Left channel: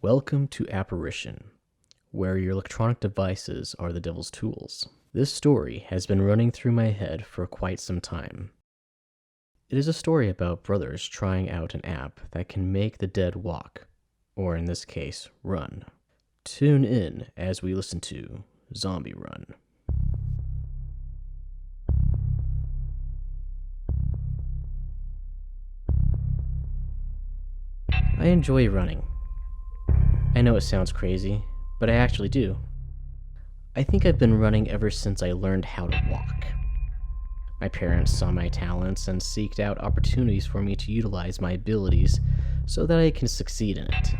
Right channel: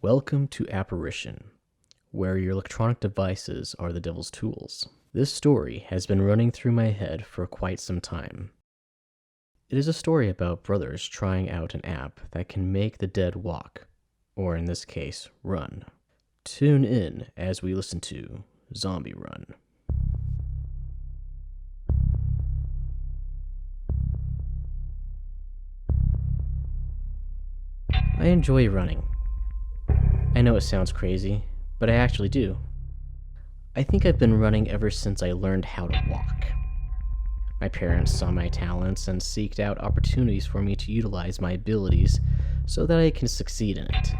Welcome to App-arition, where your electronic devices are the devil's tools. This story has been running through my head for quite some time. It is a story about brothers trying out an app that can make the dead walk, or in this case, run. Tune in as we listen to Zombie Run. I enjoy running. I know it sounds crazy, but I actually do. I think I've been running ever since I learned how to walk. My parents saw my talents and seeked out opportunities for me to utilize my abilities so that I can succeed in it.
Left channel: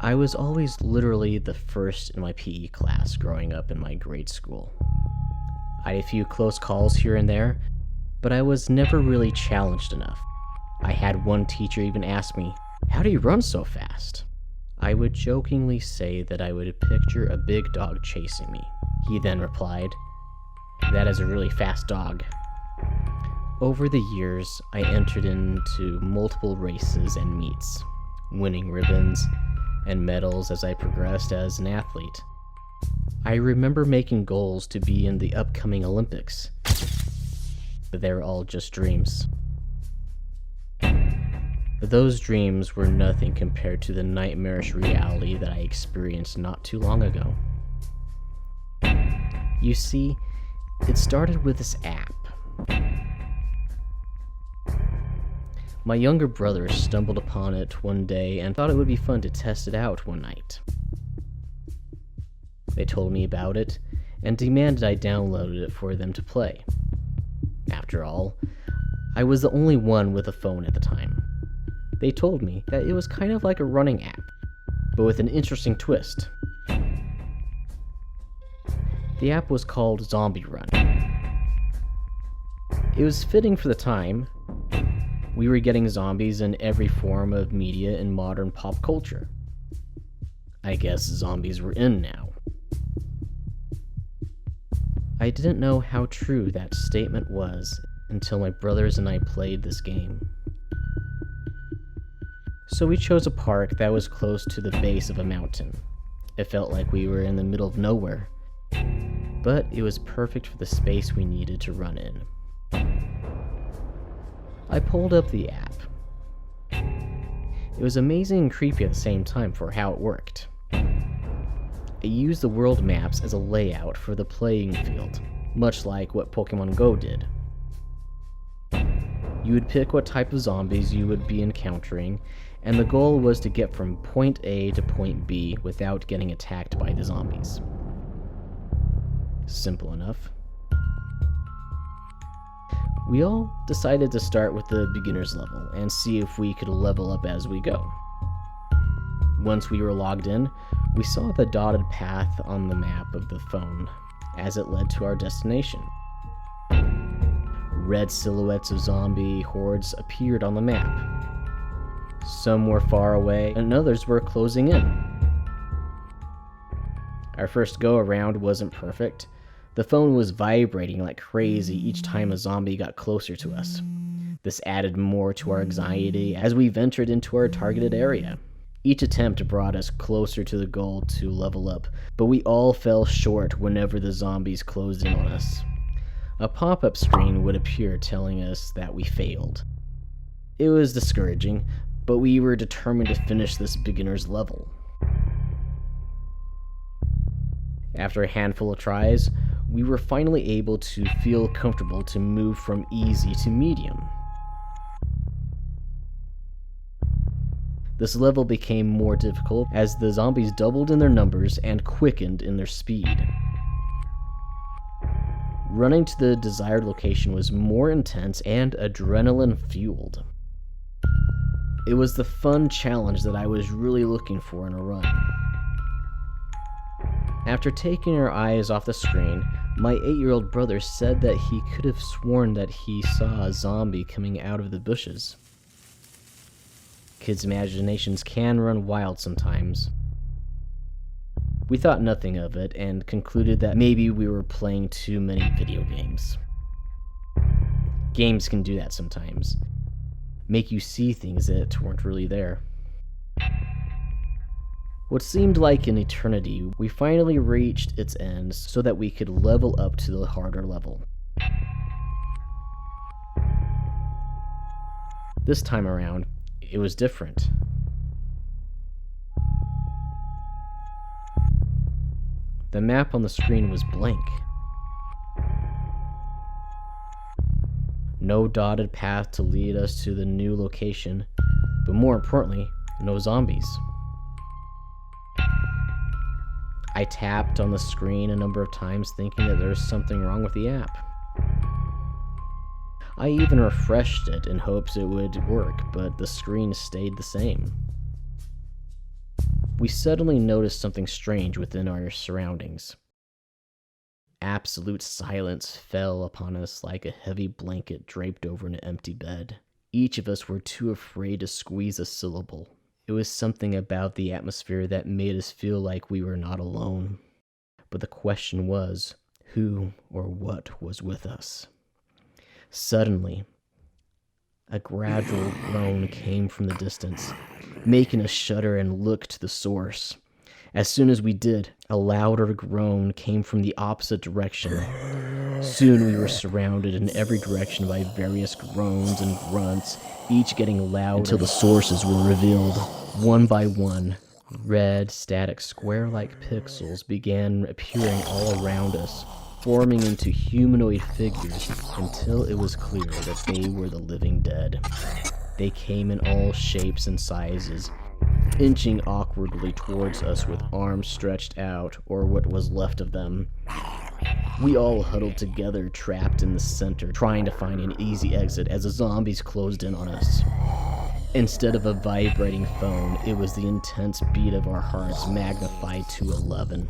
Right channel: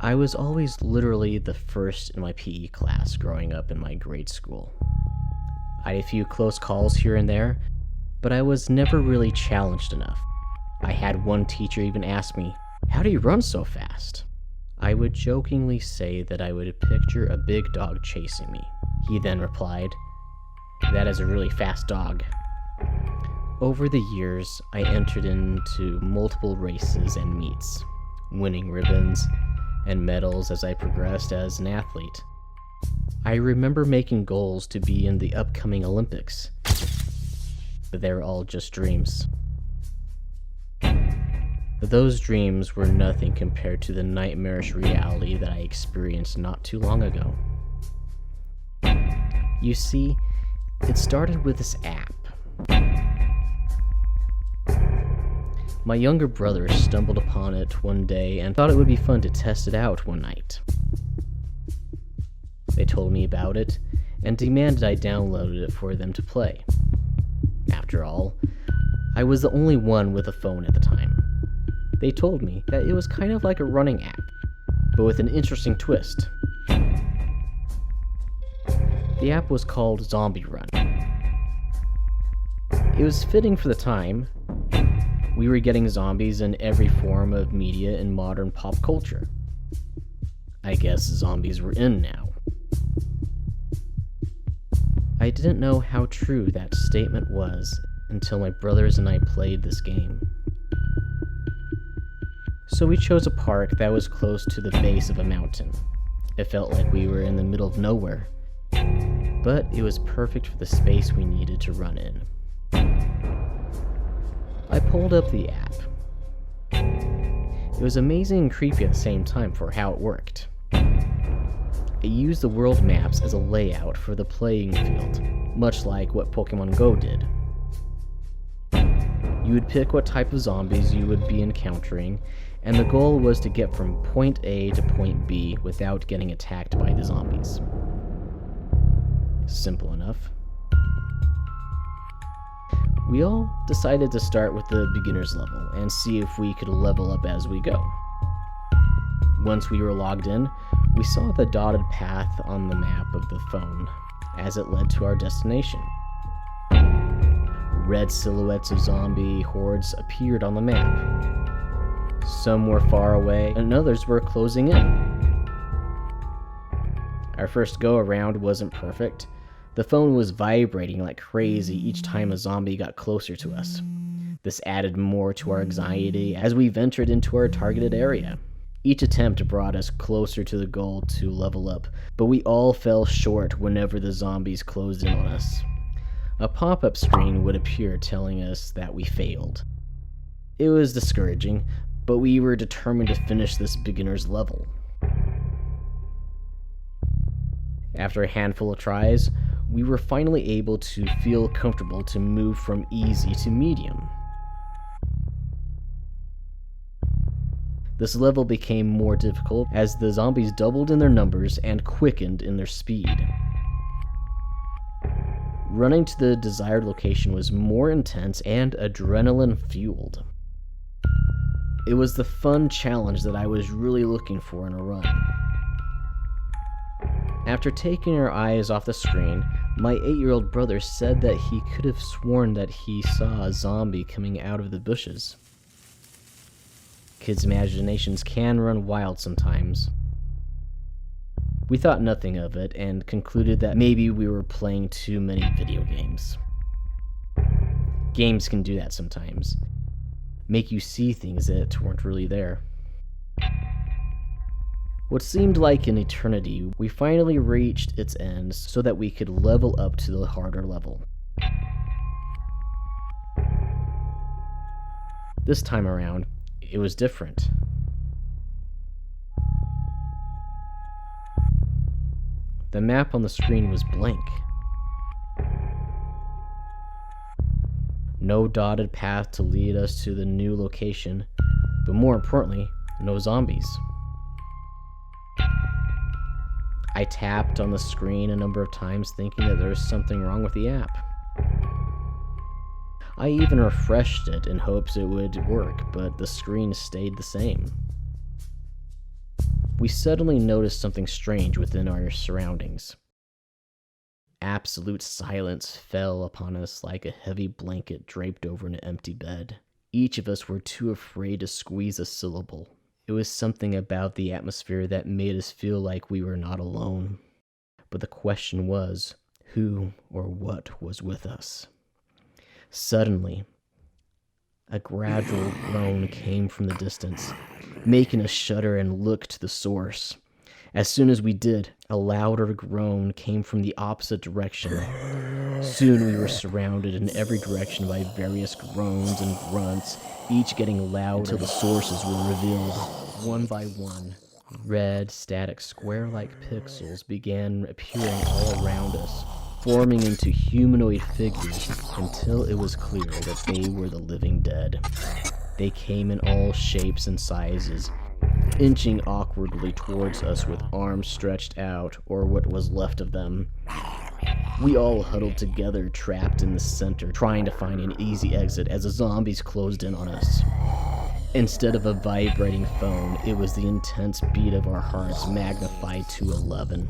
I was always literally the first in my PE class growing up in my grade school. I had a few close calls here and there, but I was never really challenged enough. I had one teacher even ask me, "How do you run so fast?" I would jokingly say that I would picture a big dog chasing me. He then replied, "That is a really fast dog." Over the years, I entered into multiple races and meets, winning ribbons and medals as I progressed as an athlete. I remember making goals to be in the upcoming Olympics, but they were all just dreams. Those dreams were nothing compared to the nightmarish reality that I experienced not too long ago. You see, it started with this app. My younger brother stumbled upon it one day and thought it would be fun to test it out one night. They told me about it and demanded I downloaded it for them to play. After all, I was the only one with a phone at the time. They told me that it was kind of like a running app, but with an interesting twist. The app was called Zombie Run. It was fitting for the time. We were getting zombies in every form of media in modern pop culture. I guess zombies were in now. I didn't know how true that statement was until my brothers and I played this game. So we chose a park that was close to the base of a mountain. It felt like we were in the middle of nowhere, but it was perfect for the space we needed to run in. I pulled up the app. It was amazing and creepy at the same time for how it worked. It used the world maps as a layout for the playing field, much like what Pokemon Go did. You would pick what type of zombies you would be encountering, and the goal was to get from point A to point B without getting attacked by the zombies. Simple enough. We all decided to start with the beginner's level and see if we could level up as we go. Once we were logged in, we saw the dotted path on the map of the phone as it led to our destination. Red silhouettes of zombie hordes appeared on the map. Some were far away, and others were closing in. Our first go-around wasn't perfect. The phone was vibrating like crazy each time a zombie got closer to us. This added more to our anxiety as we ventured into our targeted area. Each attempt brought us closer to the goal to level up, but we all fell short whenever the zombies closed in on us. A pop-up screen would appear telling us that we failed. It was discouraging, but we were determined to finish this beginner's level. After a handful of tries, we were finally able to feel comfortable to move from easy to medium. This level became more difficult as the zombies doubled in their numbers and quickened in their speed. Running to the desired location was more intense and adrenaline-fueled. It was the fun challenge that I was really looking for in a run. After taking our eyes off the screen, my 8-year-old brother said that he could have sworn that he saw a zombie coming out of the bushes. Kids' imaginations can run wild sometimes. We thought nothing of it and concluded that maybe we were playing too many video games. Games can do that sometimes. Make you see things that weren't really there. What seemed like an eternity, we finally reached its end so that we could level up to the harder level. This time around, it was different. The map on the screen was blank. No dotted path to lead us to the new location, but more importantly, no zombies. I tapped on the screen a number of times thinking that there was something wrong with the app. I even refreshed it in hopes it would work, but the screen stayed the same. We suddenly noticed something strange within our surroundings. Absolute silence fell upon us like a heavy blanket draped over an empty bed. Each of us were too afraid to squeeze a syllable. It was something about the atmosphere that made us feel like we were not alone. But the question was, who or what was with us? Suddenly, a gradual groan came from the distance, making us shudder and look to the source. As soon as we did, a louder groan came from the opposite direction. Soon we were surrounded in every direction by various groans and grunts, each getting louder until the sources were revealed. One by one, red, static, square-like pixels began appearing all around us, forming into humanoid figures until it was clear that they were the living dead. They came in all shapes and sizes, inching awkwardly towards us with arms stretched out, or what was left of them. We all huddled together, trapped in the center, trying to find an easy exit as the zombies closed in on us. Instead of a vibrating phone, it was the intense beat of our hearts magnified to 11.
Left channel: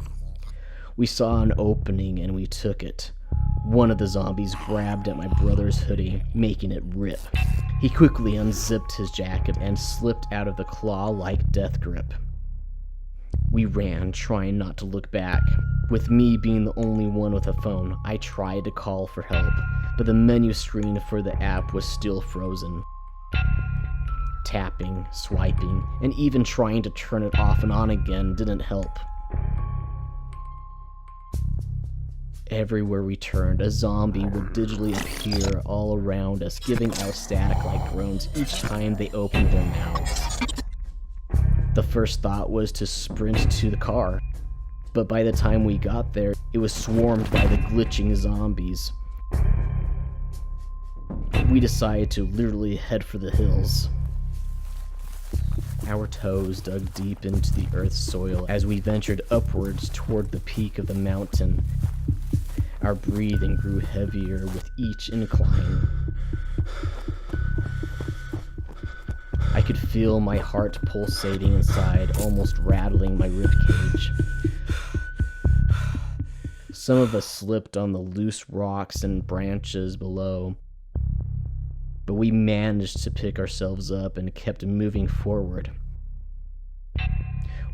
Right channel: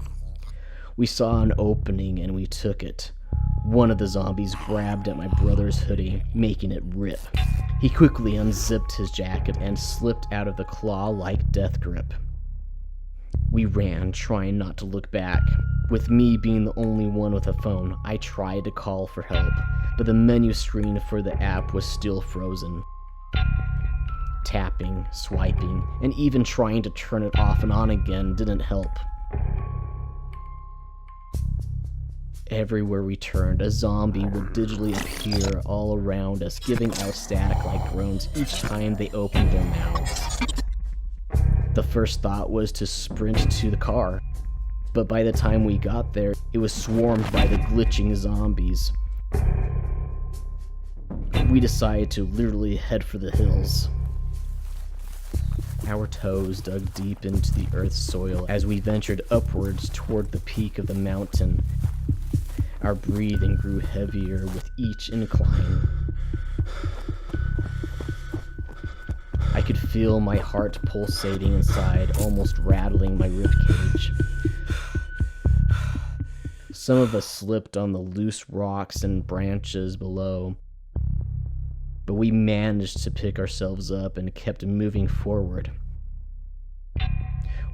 We saw an opening and we took it. One of the zombies grabbed at my brother's hoodie, making it rip. He quickly unzipped his jacket and slipped out of the claw-like death grip. We ran, trying not to look back. With me being the only one with a phone, I tried to call for help, but the menu screen for the app was still frozen. Tapping, swiping, and even trying to turn it off and on again didn't help. Everywhere we turned, a zombie would digitally appear all around us, giving out static-like groans each time they opened their mouths. The first thought was to sprint to the car, but by the time we got there, it was swarmed by the glitching zombies. We decided to literally head for the hills. Our toes dug deep into the earth's soil as we ventured upwards toward the peak of the mountain. Our breathing grew heavier with each incline. I could feel my heart pulsating inside, almost rattling my ribcage. Some of us slipped on the loose rocks and branches below, but we managed to pick ourselves up and kept moving forward.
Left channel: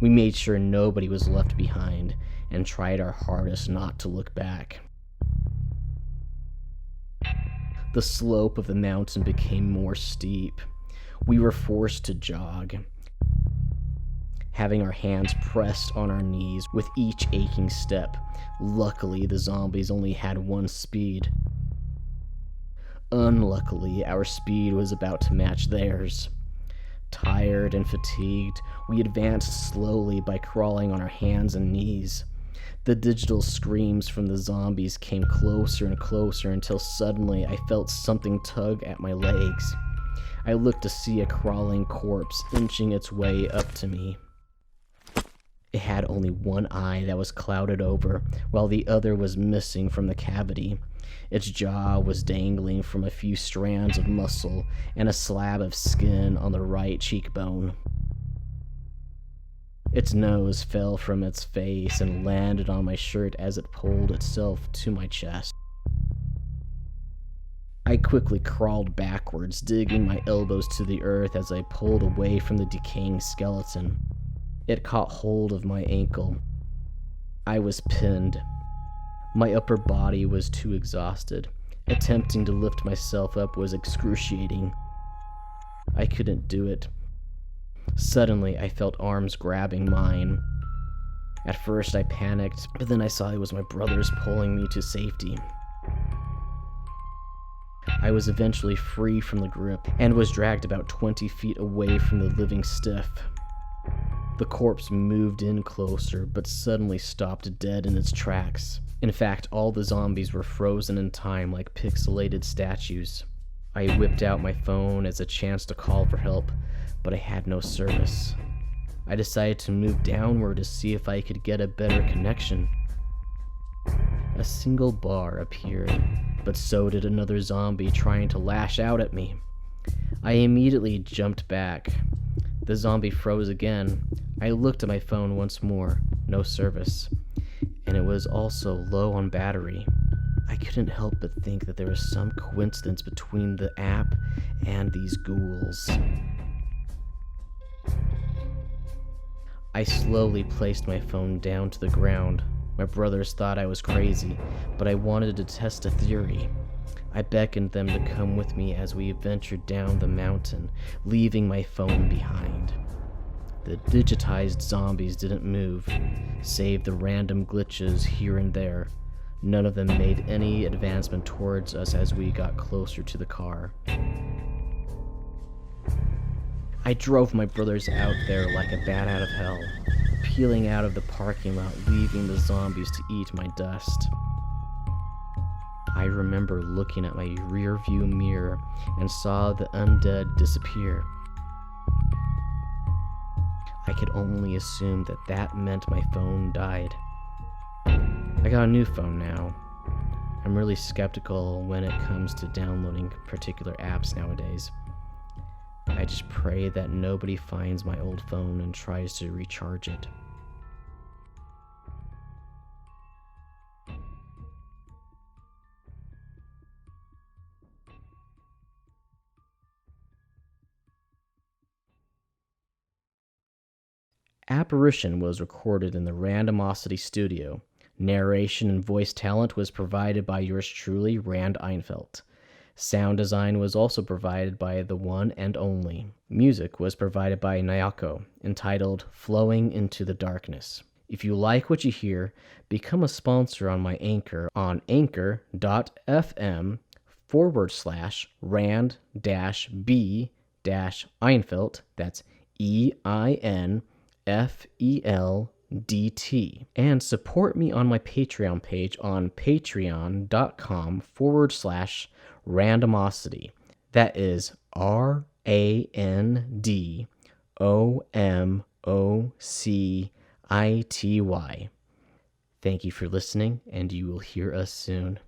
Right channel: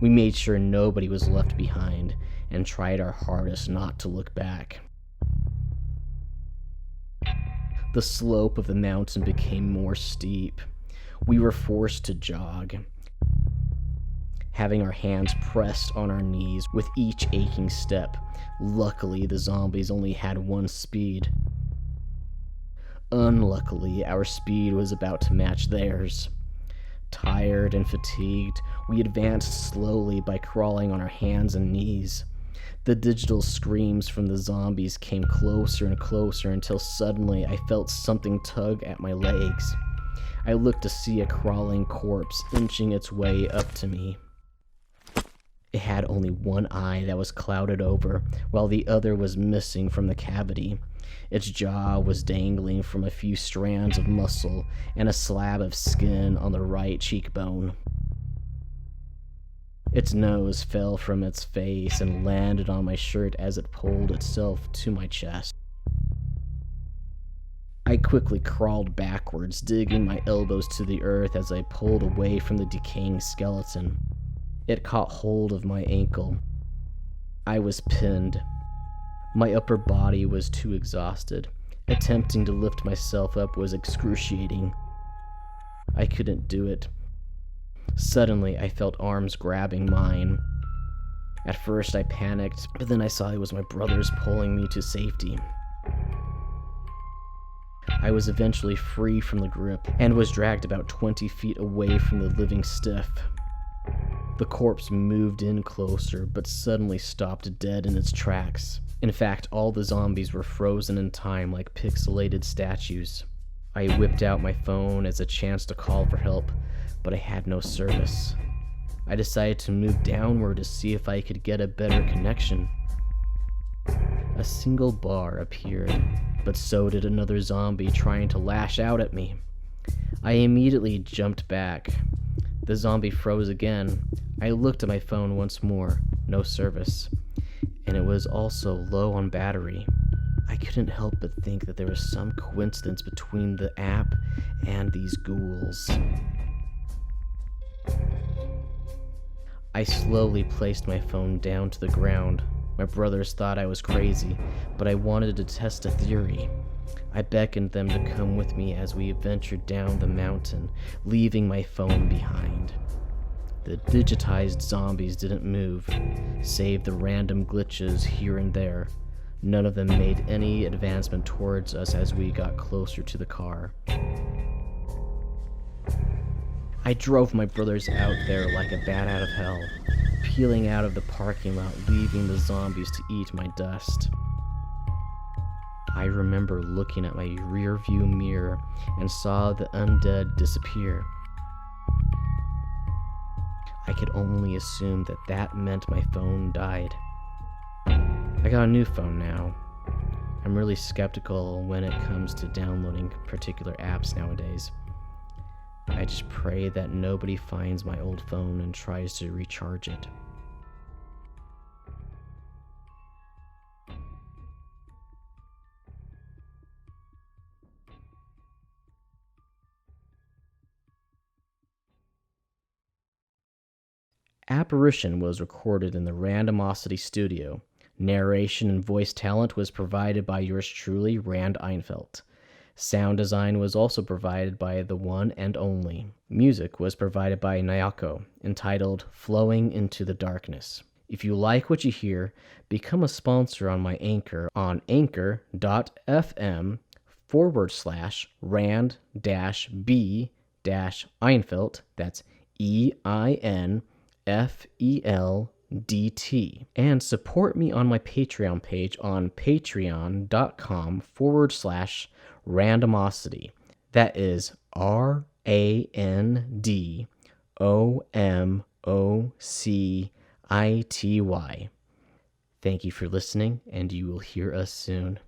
We made sure nobody was left behind and tried our hardest not to look back. The slope of the mountain became more steep. We were forced to jog, having our hands pressed on our knees with each aching step. Luckily, the zombies only had one speed. Unluckily, our speed was about to match theirs. Tired and fatigued, we advanced slowly by crawling on our hands and knees. The digital screams from the zombies came closer and closer until suddenly I felt something tug at my legs. I looked to see a crawling corpse inching its way up to me. It had only one eye that was clouded over, while the other was missing from the cavity. Its jaw was dangling from a few strands of muscle and a slab of skin on the right cheekbone. Its nose fell from its face and landed on my shirt as it pulled itself to my chest. I quickly crawled backwards, digging my elbows to the earth as I pulled away from the decaying skeleton. It caught hold of my ankle. I was pinned. My upper body was too exhausted. Attempting to lift myself up was excruciating. I couldn't do it. Suddenly, I felt arms grabbing mine. At first, I panicked, but then I saw it was my brothers pulling me to safety. I was eventually free from the grip and was dragged about 20 feet away from the living stiff. The corpse moved in closer, but suddenly stopped dead in its tracks. In fact, all the zombies were frozen in time like pixelated statues. I whipped out my phone as a chance to call for help, but I had no service. I decided to move downward to see if I could get a better connection. A single bar appeared, but so did another zombie trying to lash out at me. I immediately jumped back. The zombie froze again. I looked at my phone once more, no service, and it was also low on battery. I couldn't help but think that there was some coincidence between the app and these ghouls. I slowly placed my phone down to the ground. My brothers thought I was crazy, but I wanted to test a theory. I beckoned them to come with me as we ventured down the mountain, leaving my phone behind. The digitized zombies didn't move, save the random glitches here and there. None of them made any advancement towards us as we got closer to the car. I drove my brothers out there like a bat out of hell, peeling out of the parking lot, leaving the zombies to eat my dust. I remember looking at my rearview mirror and saw the undead disappear. I could only assume that that meant my phone died. I got a new phone now. I'm really skeptical when it comes to downloading particular apps nowadays. I just pray that nobody finds my old phone and tries to recharge it. App-arition was recorded in the Randomosity Studio. Narration and voice talent was provided by yours truly, Rand Einfeld. Sound design was also provided by the one and only. Music was provided by Nyako, entitled Flowing into the Darkness. If you like what you hear, become a sponsor on my Anchor on anchor.fm/Rand-B-Einfeld, that's EINFELDT, and support me on my Patreon page on patreon.com/randomosity. That is RANDOMOCITY. Thank you for listening, and you will hear us soon.